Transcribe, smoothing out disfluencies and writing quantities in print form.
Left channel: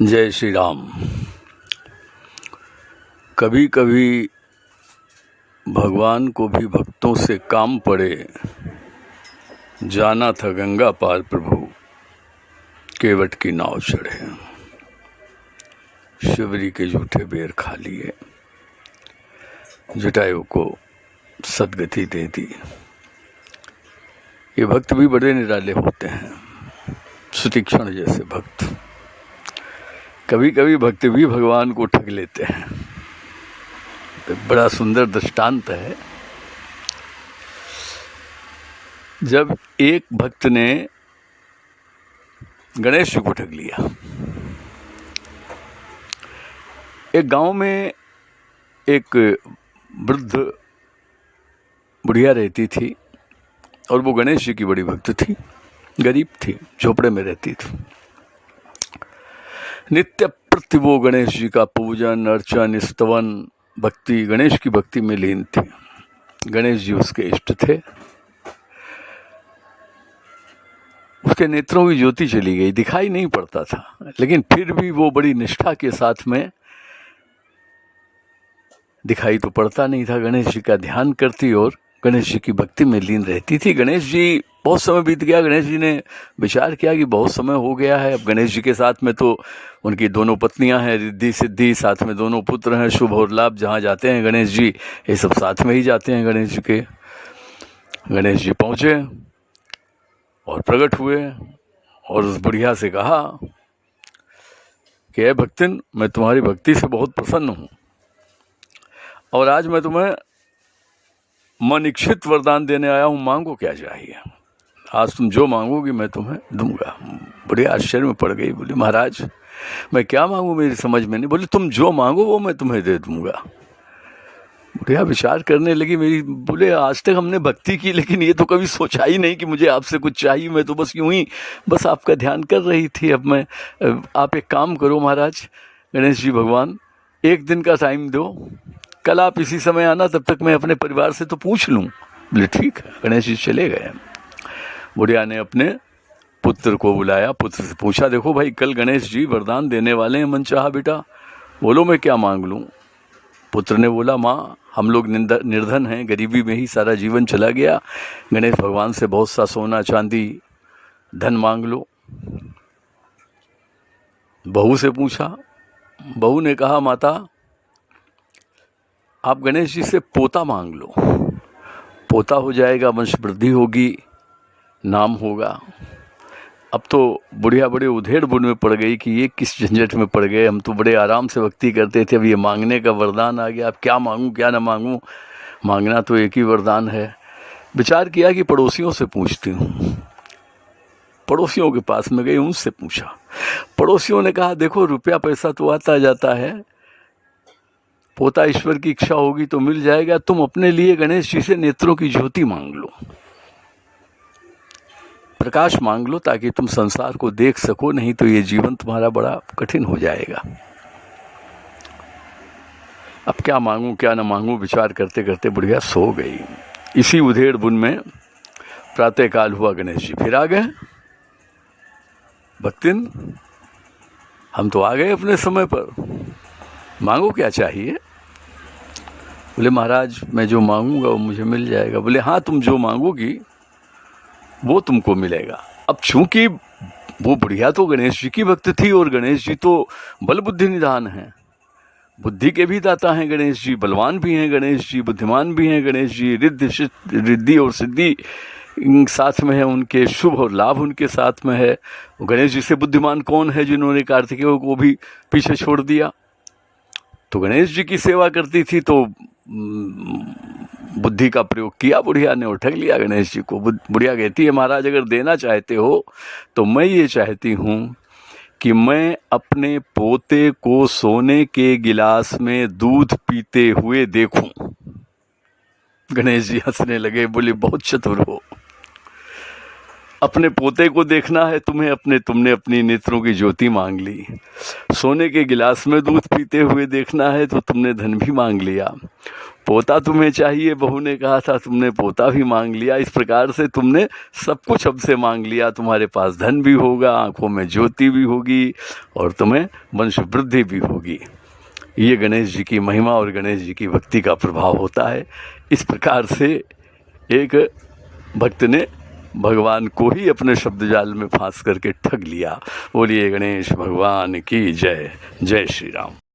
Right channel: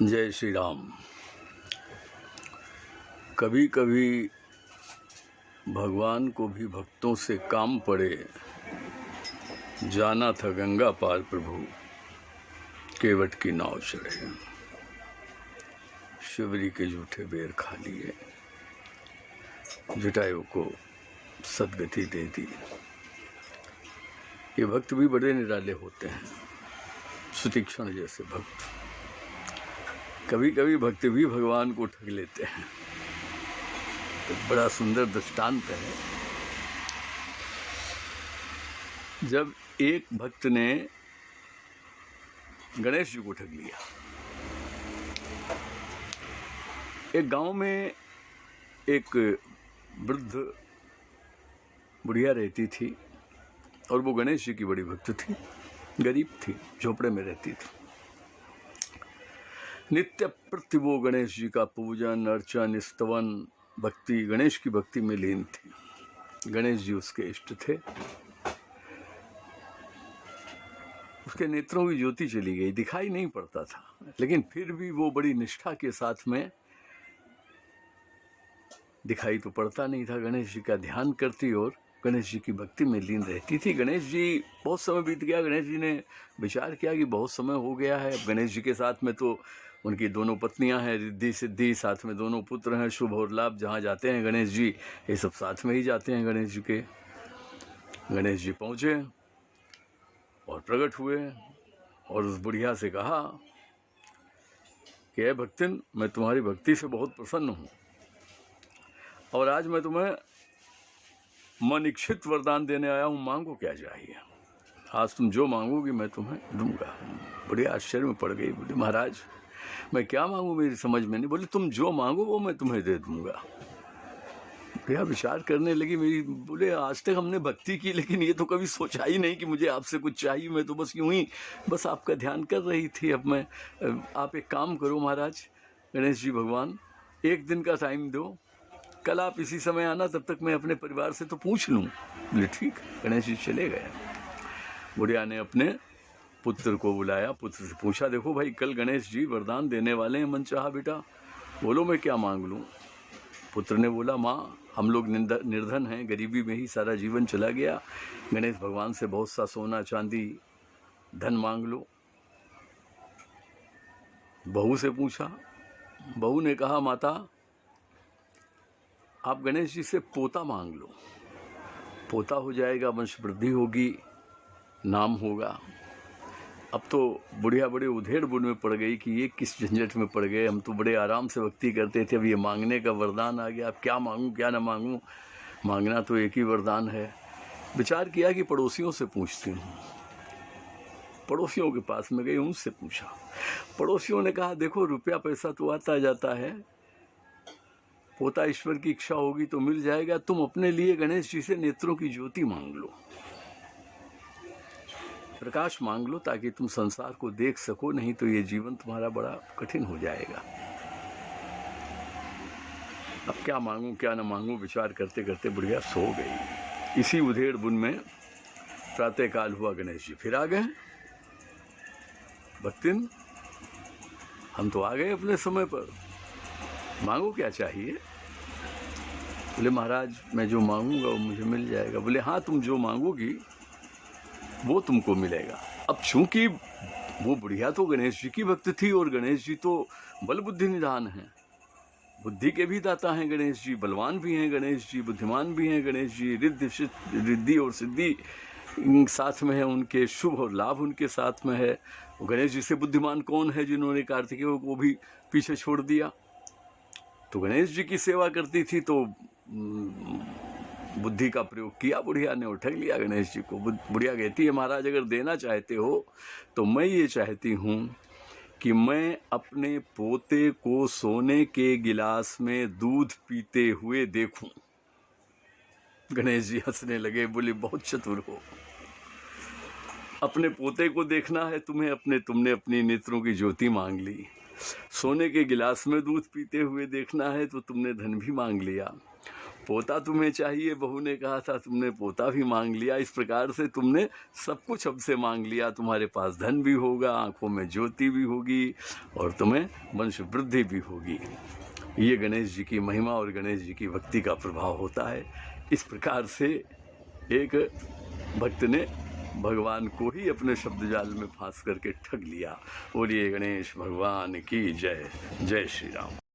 जय श्री राम। कभी कभी भगवान को भी भक्तों से काम पड़े, जाना था गंगा पार प्रभु, केवट की नाव चढ़े। शिवरी के जूठे बेर खा लिए, जटायु को सदगति दे दी। ये भक्त भी बड़े निराले होते हैं, सुतीक्षण जैसे भक्त। कभी कभी भक्त भी भगवान को ठग लेते हैं। एक बड़ा सुंदर दृष्टांत है। जब एक भक्त ने गणेश जी को ठग लिया। एक गांव में एक वृद्ध बुढ़िया रहती थी और वो गणेश जी की बड़ी भक्त थी। गरीब थी, झोपड़े में रहती थी। नित्य प्रति वो गणेश जी का पूजन अर्चन स्तवन भक्ति, गणेश की भक्ति में लीन थी। गणेश जी उसके इष्ट थे। उसके नेत्रों की ज्योति चली गई, दिखाई नहीं पड़ता था, लेकिन फिर भी वो बड़ी निष्ठा के साथ में, दिखाई तो पड़ता नहीं था, गणेश जी का ध्यान करती और गणेश जी की भक्ति में लीन रहती थी। गणेश जी, बहुत समय बीत गया। गणेश जी ने विचार किया कि बहुत समय हो गया है। अब गणेश जी के साथ में तो उनकी दोनों पत्नियां हैं, रिद्धि सिद्धि, साथ में दोनों पुत्र हैं, शुभ और लाभ। जहाँ जाते हैं गणेश जी, ये सब साथ में ही जाते हैं गणेश जी के। गणेश जी पहुँचे और प्रकट हुए और उस बुढ़िया से कहा कि ए भक्तिन, मैं तुम्हारी भक्ति से बहुत प्रसन्न हूँ और आज मैं तुम्हें मन इच्छित वरदान देने आया हूँ। मांगो क्या चाहिए, आज तुम जो मांगोगी मैं तुम्हें दूंगा। बड़े आश्चर्य में पड़ गई। बोली महाराज, मैं क्या मांगू, मेरी समझ में नहीं। बोले तुम जो मांगो वो मैं तुम्हें दे दूंगा। बुढ़िया विचार करने लगी। मेरी, बोले आज तक हमने भक्ति की, लेकिन ये तो कभी सोचा ही नहीं कि मुझे आपसे कुछ चाहिए। मैं तो बस यूं ही बस आपका ध्यान कर रही थी। अब मैं, आप एक काम करो महाराज, गणेश जी भगवान, एक दिन का टाइम दो, कल आप इसी समय आना, तब तक मैं अपने परिवार से तो पूछ लूँ। बोले ठीक। गणेश जी चले गए। बुढ़िया ने अपने पुत्र को बुलाया, पुत्र से पूछा, देखो भाई, कल गणेश जी वरदान देने वाले हैं, मन चाहा बेटा, बोलो मैं क्या मांग लूँ। पुत्र ने बोला, माँ हम लोग निर्धन हैं, गरीबी में ही सारा जीवन चला गया। गणेश भगवान से बहुत सा सोना चांदी धन मांग लो। बहू से पूछा। बहू ने कहा, माता आप गणेश जी से पोता मांग लो, पोता हो जाएगा, वंश वृद्धि होगी, नाम होगा। अब तो बुढ़िया बड़े उधेड़ बुन में पड़ गई कि ये किस झंझट में पड़ गए, हम तो बड़े आराम से भक्ति करते थे, अब ये मांगने का वरदान आ गया, अब क्या मांगूं क्या ना मांगूं, मांगना तो एक ही वरदान है। विचार किया कि पड़ोसियों से पूछती हूँ। पड़ोसियों के पास में गई, उनसे पूछा। पड़ोसियों ने कहा, देखो रुपया पैसा तो आता जाता है, पोता ईश्वर की इच्छा होगी तो मिल जाएगा, तुम अपने लिए गणेश जी से नेत्रों की ज्योति मांग लो, प्रकाश मांग लो, ताकि तुम संसार को देख सको, नहीं तो ये जीवन तुम्हारा बड़ा कठिन हो जाएगा। अब क्या मांगूं क्या ना मांगूं विचार करते करते बुढ़िया सो गई। इसी उधेड़ बुन में प्रातःकाल हुआ, गणेश जी फिर आ गए। भक्तिन, हम तो आ गए अपने समय पर, मांगो क्या चाहिए। बोले महाराज, मैं जो मांगूंगा वो मुझे मिल जाएगा। बोले हाँ, तुम जो मांगोगी वो तुमको मिलेगा। अब चूंकि वो बुढ़िया तो गणेश जी की भक्त थी और गणेश जी तो बल बुद्धि निधान हैं, बुद्धि के भी दाता हैं गणेश जी, बलवान भी हैं गणेश जी, बुद्धिमान भी हैं गणेश जी, रिद्धि और सिद्धि साथ में है उनके, शुभ और लाभ उनके साथ में है। गणेश जी से बुद्धिमान कौन है जिन्होंने कार्तिकेय को भी पीछे छोड़ दिया। तो गणेश जी की सेवा करती थी तो बुद्धि का प्रयोग किया बुढ़िया ने और ठग लिया गणेश जी को। बुढ़िया कहती है, महाराज अगर देना चाहते हो तो मैं ये चाहती हूँ कि मैं अपने पोते को सोने के गिलास में दूध पीते हुए देखूं। गणेश जी हंसने लगे, बोले बहुत चतुर हो, अपने पोते को देखना है तुम्हें, तुमने अपनी नेत्रों की ज्योति मांग ली। सोने के गिलास में दूध पीते हुए देखना है तो तुमने धन भी मांग लिया। पोता तुम्हें चाहिए, बहू ने कहा था, तुमने पोता भी मांग लिया। इस प्रकार से तुमने सब कुछ अब से मांग लिया। तुम्हारे पास धन भी होगा, आंखों में ज्योति भी होगी और तुम्हें वंश वृद्धि भी होगी। ये गणेश जी की महिमा और गणेश जी की भक्ति का प्रभाव होता है। इस प्रकार से एक भक्त ने भगवान को ही अपने शब्द जाल में फांस करके ठग लिया। बोलिए गणेश भगवान की जय। जय श्री राम।